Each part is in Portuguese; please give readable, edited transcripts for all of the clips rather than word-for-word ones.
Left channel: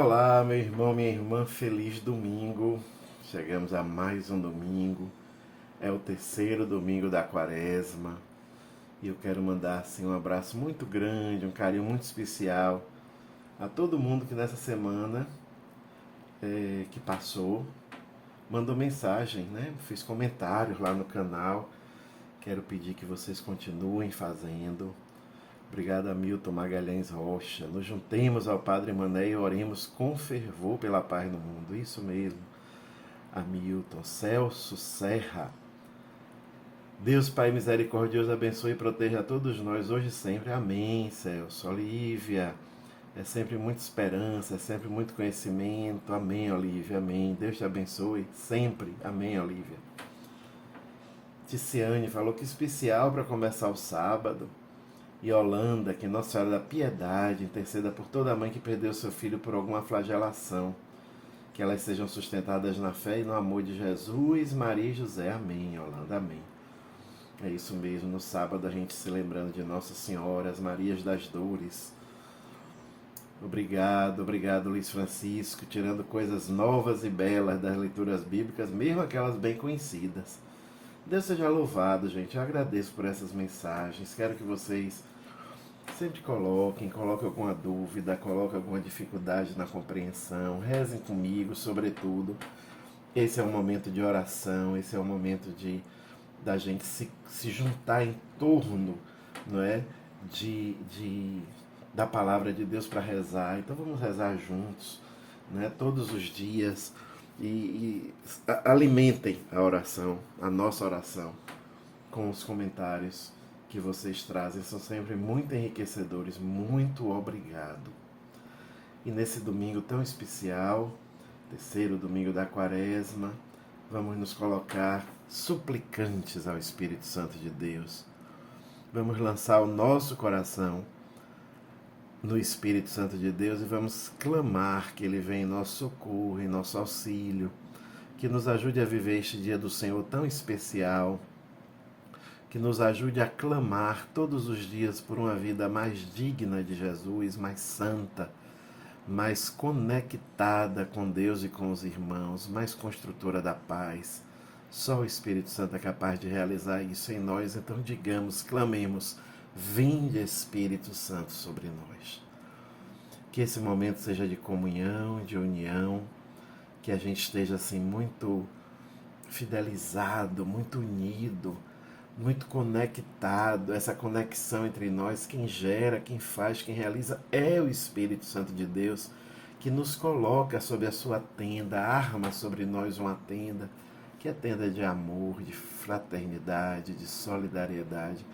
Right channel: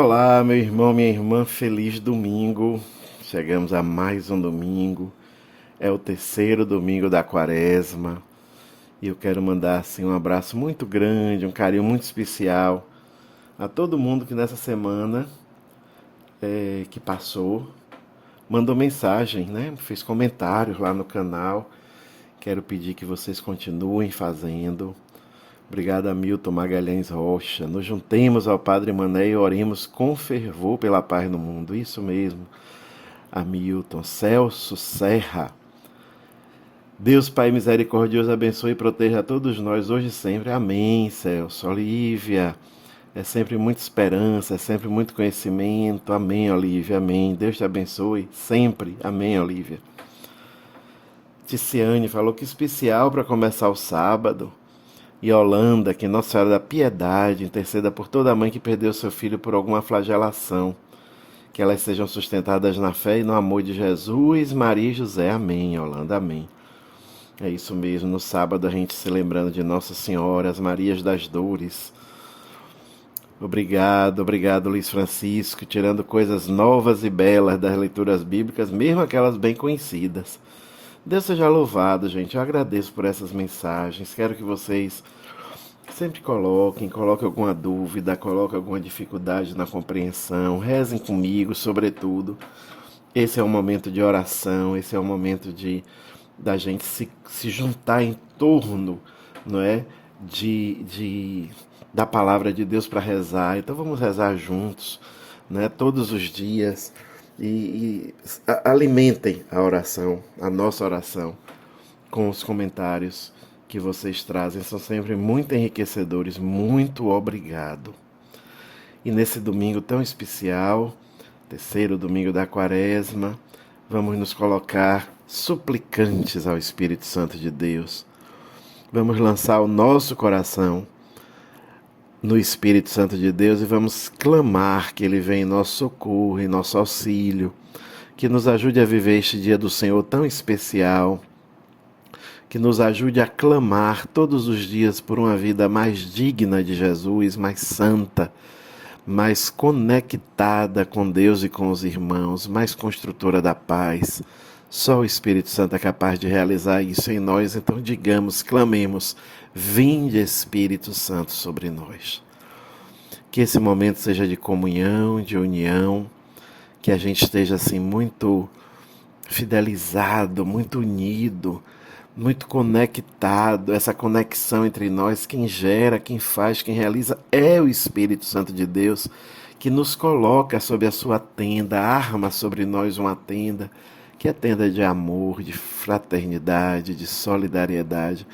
Olá, meu irmão, minha irmã, feliz domingo. Chegamos a mais um domingo. É o terceiro domingo da quaresma. E eu quero mandar assim um abraço muito grande, um carinho muito especial a todo mundo que nessa semana que passou mandou mensagem, né? Fez comentários lá no canal. Quero pedir que vocês continuem fazendo. Obrigado a Milton Magalhães Rocha. Nos juntemos ao Padre Mané e oremos com fervor pela paz no mundo. Isso mesmo. Hamilton, Celso Serra. Deus Pai misericordioso abençoe e proteja a todos nós hoje e sempre. Amém, Celso. Olívia, é sempre muita esperança, é sempre muito conhecimento. Amém, Olívia, amém. Deus te abençoe sempre. Amém, Olívia. Ticiane falou que especial para começar o sábado. E Holanda, que Nossa Senhora da Piedade interceda por toda mãe que perdeu seu filho por alguma flagelação. Que elas sejam sustentadas na fé e no amor de Jesus, Maria e José. Amém, Holanda, amém. É isso mesmo, no sábado a gente se lembrando de Nossa Senhora, as Marias das Dores. Obrigado, obrigado Luiz Francisco, tirando coisas novas e belas das leituras bíblicas, mesmo aquelas bem conhecidas. Deus seja louvado, gente. Eu agradeço por essas mensagens. Quero que vocês sempre coloquem alguma dúvida, coloquem alguma dificuldade na compreensão, rezem comigo, sobretudo. Esse é um momento de oração, esse é um momento de da gente se juntar em torno, não é, da palavra de Deus para rezar. Então vamos rezar juntos, né, todos os dias e alimentem a oração, a nossa oração, com os comentários que vocês trazem. São sempre muito enriquecedores. Muito obrigado. E nesse domingo tão especial, terceiro domingo da quaresma, vamos nos colocar suplicantes ao Espírito Santo de Deus. Vamos lançar o nosso coração no Espírito Santo de Deus e vamos clamar que Ele venha em nosso socorro, em nosso auxílio, que nos ajude a viver este dia do Senhor tão especial, que nos ajude a clamar todos os dias por uma vida mais digna de Jesus, mais santa, mais conectada com Deus e com os irmãos, mais construtora da paz. Só o Espírito Santo é capaz de realizar isso em nós, então digamos, clamemos, vinde Espírito Santo sobre nós. Que esse momento seja de comunhão, de união, que a gente esteja assim muito fidelizado, muito unido, muito conectado. Essa conexão entre nós, quem gera, quem faz, quem realiza é o Espírito Santo de Deus, que nos coloca sob a sua tenda, arma sobre nós uma tenda, que é tenda de amor, de fraternidade, de solidariedade,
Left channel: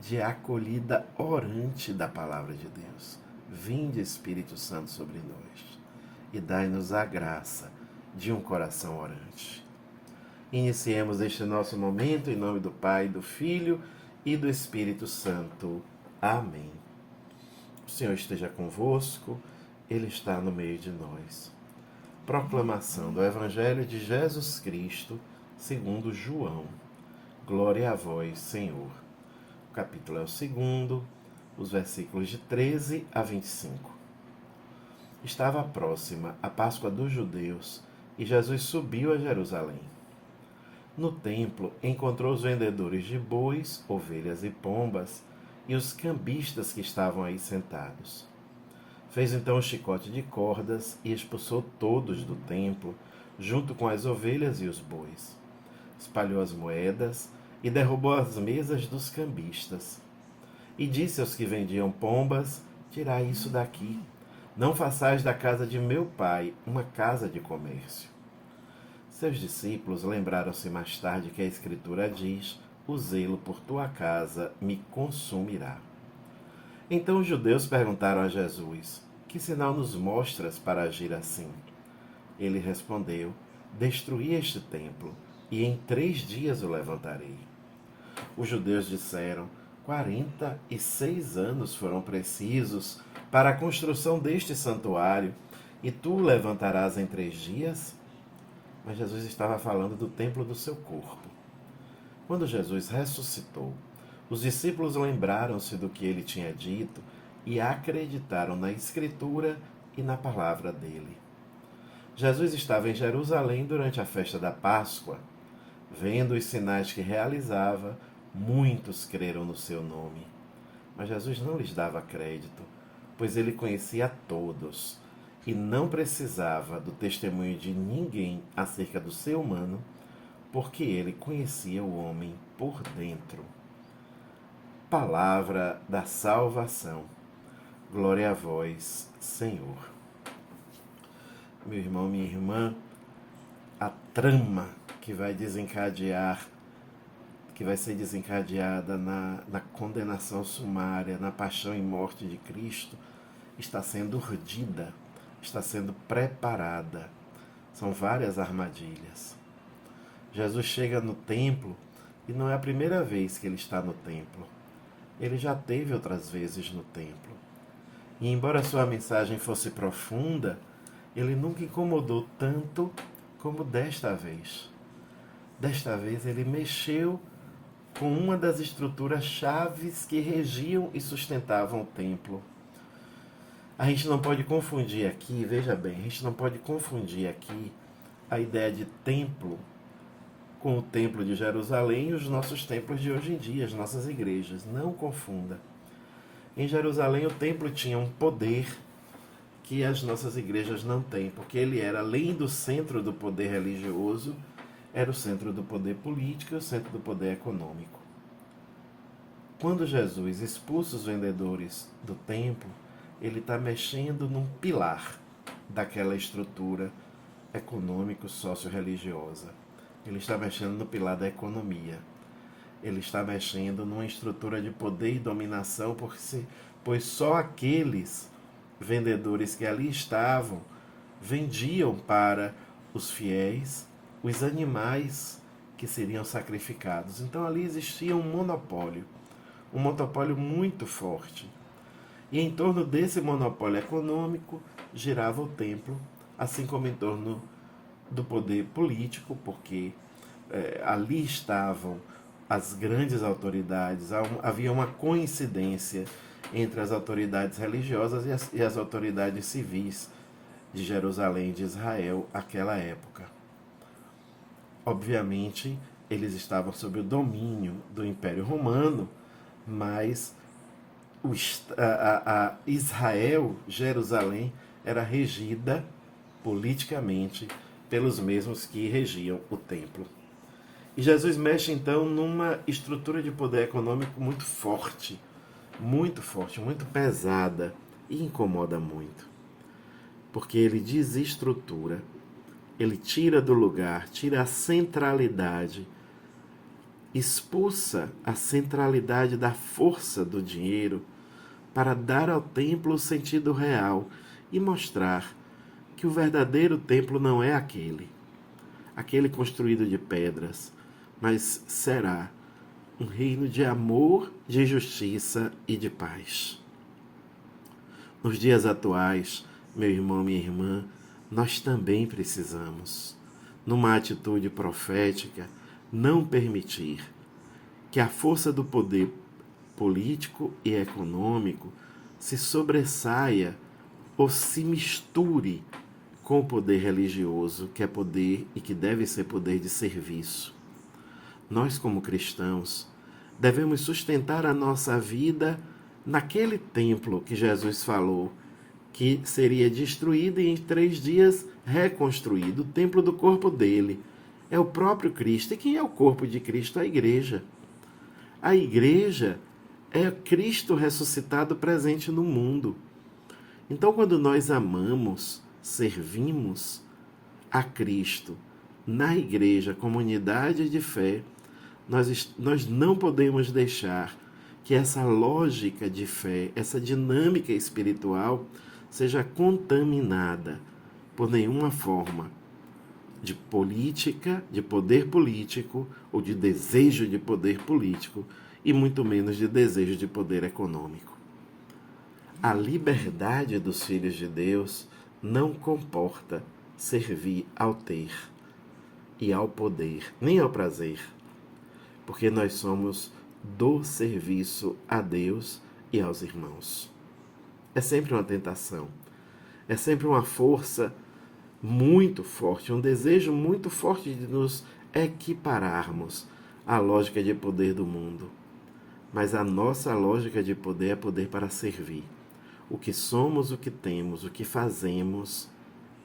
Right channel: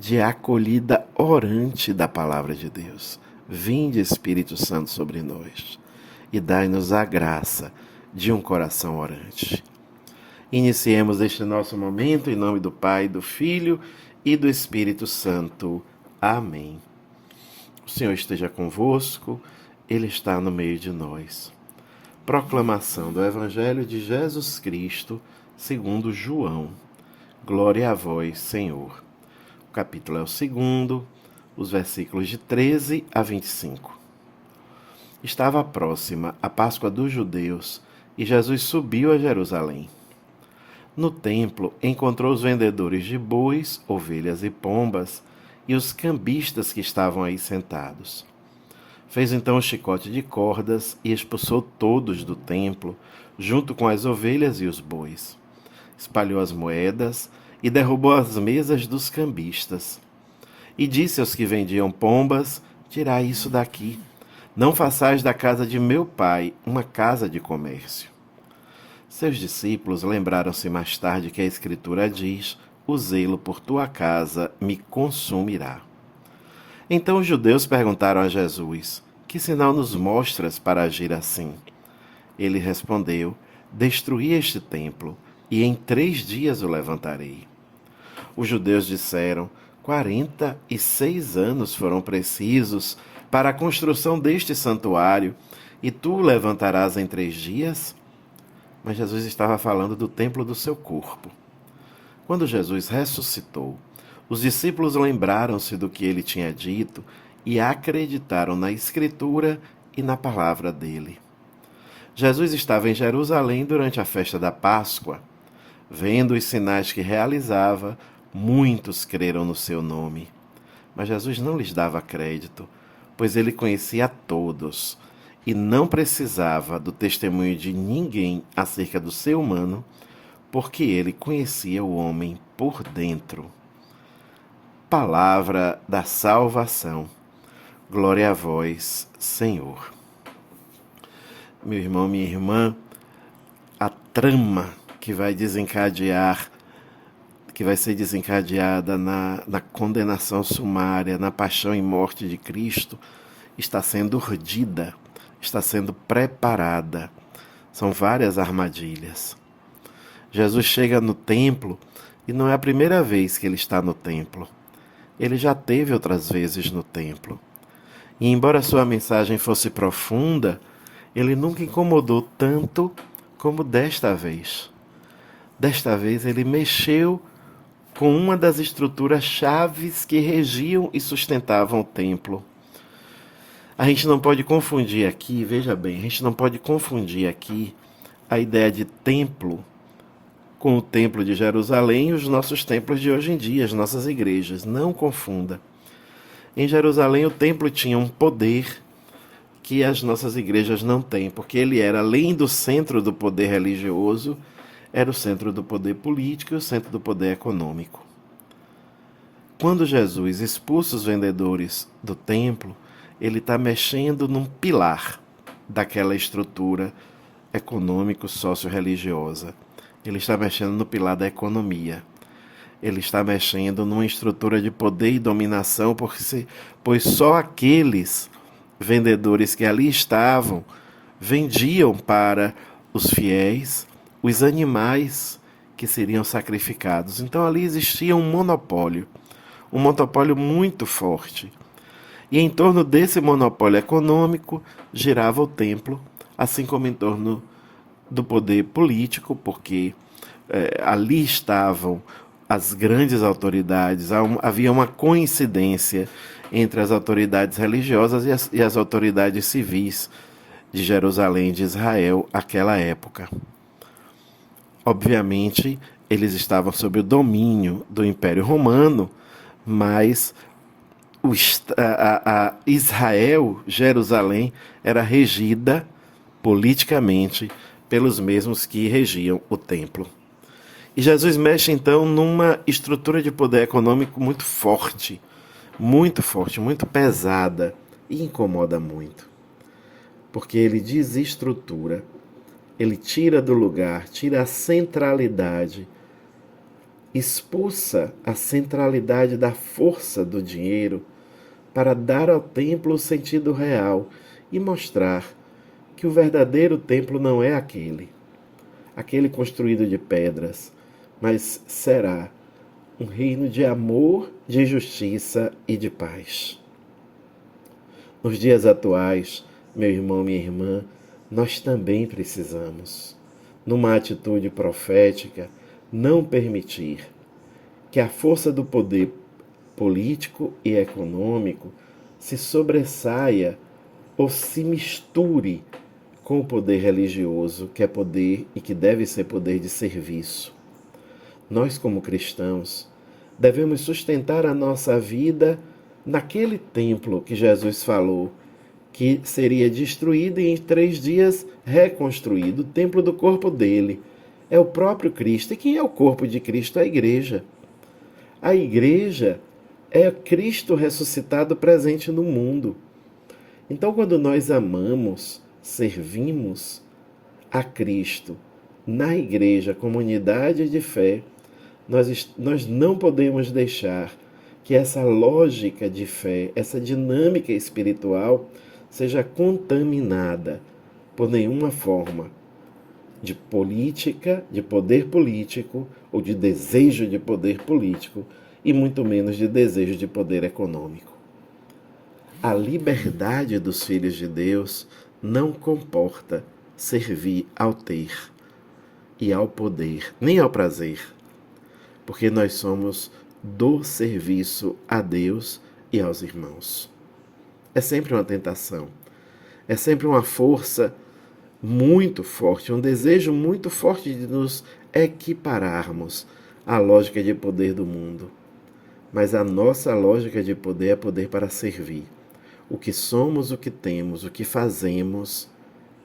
de acolhida orante da palavra de Deus. Vinde, Espírito Santo, sobre nós e dai-nos a graça de um coração orante. Iniciemos este nosso momento em nome do Pai, do Filho e do Espírito Santo. Amém. O Senhor esteja convosco, Ele está no meio de nós. Proclamação do Evangelho de Jesus Cristo, segundo João. Glória a vós, Senhor. O capítulo é o segundo, os versículos de 13 a 25. Estava próxima a Páscoa dos judeus e Jesus subiu a Jerusalém. No templo, encontrou os vendedores de bois, ovelhas e pombas e os cambistas que estavam aí sentados. Fez então um chicote de cordas e expulsou todos do templo, junto com as ovelhas e os bois. Espalhou as moedas e derrubou as mesas dos cambistas. E disse aos que vendiam pombas: tirai isso daqui. Não façais da casa de meu pai uma casa de comércio. Seus discípulos lembraram-se mais tarde que a Escritura diz: o zelo por tua casa me consumirá. Então os judeus perguntaram a Jesus: que sinal nos mostras para agir assim? Ele respondeu: destruí este templo, e em 3 dias o levantarei. Os judeus disseram: 46 anos foram precisos para a construção deste santuário, e tu o levantarás em 3 dias? Mas Jesus estava falando do templo do seu corpo. Quando Jesus ressuscitou, os discípulos lembraram-se do que ele tinha dito e acreditaram na Escritura e na palavra dele. Jesus estava em Jerusalém durante a festa da Páscoa. Vendo os sinais que realizava, muitos creram no seu nome. Mas Jesus não lhes dava crédito, pois ele conhecia a todos e não precisava do testemunho de ninguém acerca do ser humano, porque ele conhecia o homem por dentro. Palavra da salvação. Glória a vós, Senhor. Meu irmão, minha irmã, a trama que vai ser desencadeada na condenação sumária, na paixão e morte de Cristo, está sendo urdida, está sendo preparada. São várias armadilhas. Jesus chega no templo e não é a primeira vez que ele está no templo. Ele já teve outras vezes no templo. E embora sua mensagem fosse profunda, ele nunca incomodou tanto como desta vez. Desta vez ele mexeu com uma das estruturas chaves que regiam e sustentavam o templo. A gente não pode confundir aqui, veja bem, a gente não pode confundir aqui a ideia de templo com o templo de Jerusalém e os nossos templos de hoje em dia, as nossas igrejas. Não confunda. Em Jerusalém o templo tinha um poder que as nossas igrejas não têm, porque ele era, além do centro do poder religioso, era o centro do poder político e o centro do poder econômico. Quando Jesus expulsa os vendedores do templo, ele está mexendo num pilar daquela estrutura econômico-socio-religiosa. Ele está mexendo no pilar da economia. Ele está mexendo numa estrutura de poder e dominação, pois só aqueles vendedores que ali estavam vendiam para os fiéis os animais que seriam sacrificados. Então ali existia um monopólio muito forte. E em torno desse monopólio econômico girava o templo, assim como em torno do poder político, porque ali estavam as grandes autoridades, havia uma coincidência entre as autoridades religiosas e as autoridades civis de Jerusalém, de Israel, àquela época. Obviamente, eles estavam sob o domínio do Império Romano, mas Israel, Jerusalém, era regida politicamente pelos mesmos que regiam o templo. E Jesus mexe então numa estrutura de poder econômico muito forte, muito pesada e incomoda muito. Porque ele desestrutura, ele tira do lugar, tira a centralidade, expulsa a centralidade da força do dinheiro para dar ao templo o sentido real e mostrar que o verdadeiro templo não é aquele construído de pedras, mas será um reino de amor, de justiça e de paz. Nos dias atuais, meu irmão, minha irmã, nós também precisamos, numa atitude profética, não permitir que a força do poder político e econômico se sobressaia ou se misture com o poder religioso, que é poder e que deve ser poder de serviço. Nós, como cristãos, devemos sustentar a nossa vida naquele templo que Jesus falou que seria destruído e em 3 dias reconstruído, o templo do corpo dele. É o próprio Cristo. E quem é o corpo de Cristo? A igreja. A igreja é Cristo ressuscitado presente no mundo. Então, quando nós amamos, servimos a Cristo na igreja, comunidade de fé, nós não podemos deixar que essa lógica de fé, essa dinâmica espiritual, seja contaminada por nenhuma forma de política, de poder político ou de desejo de poder político e muito menos de desejo de poder econômico. A liberdade dos filhos de Deus não comporta servir ao ter e ao poder, nem ao prazer, porque nós somos do serviço a Deus e aos irmãos. É sempre uma tentação. É sempre uma força muito forte, um desejo muito forte de nos equipararmos à lógica de poder do mundo. Mas a nossa lógica de poder é poder para servir. O que somos, o que temos, o que fazemos,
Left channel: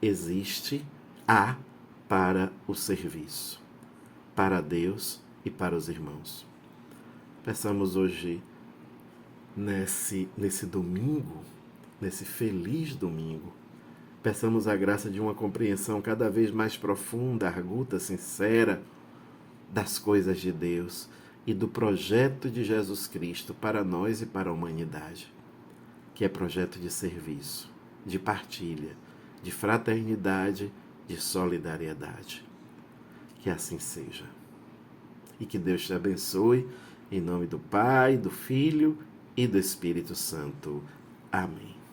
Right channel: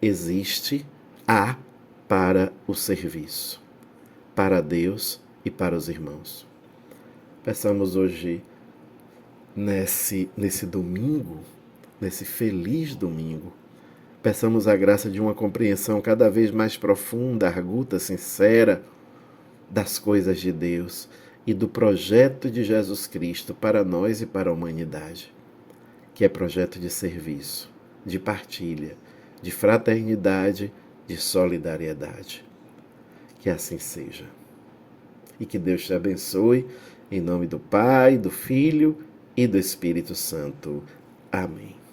existe para o serviço, para Deus e para os irmãos. Peçamos hoje, nesse domingo, nesse feliz domingo, peçamos a graça de uma compreensão cada vez mais profunda, arguta, sincera das coisas de Deus e do projeto de Jesus Cristo para nós e para a humanidade, que é projeto de serviço, de partilha, de fraternidade, de solidariedade. Que assim seja. E que Deus te abençoe, em nome do Pai, do Filho e do Espírito Santo. Amém.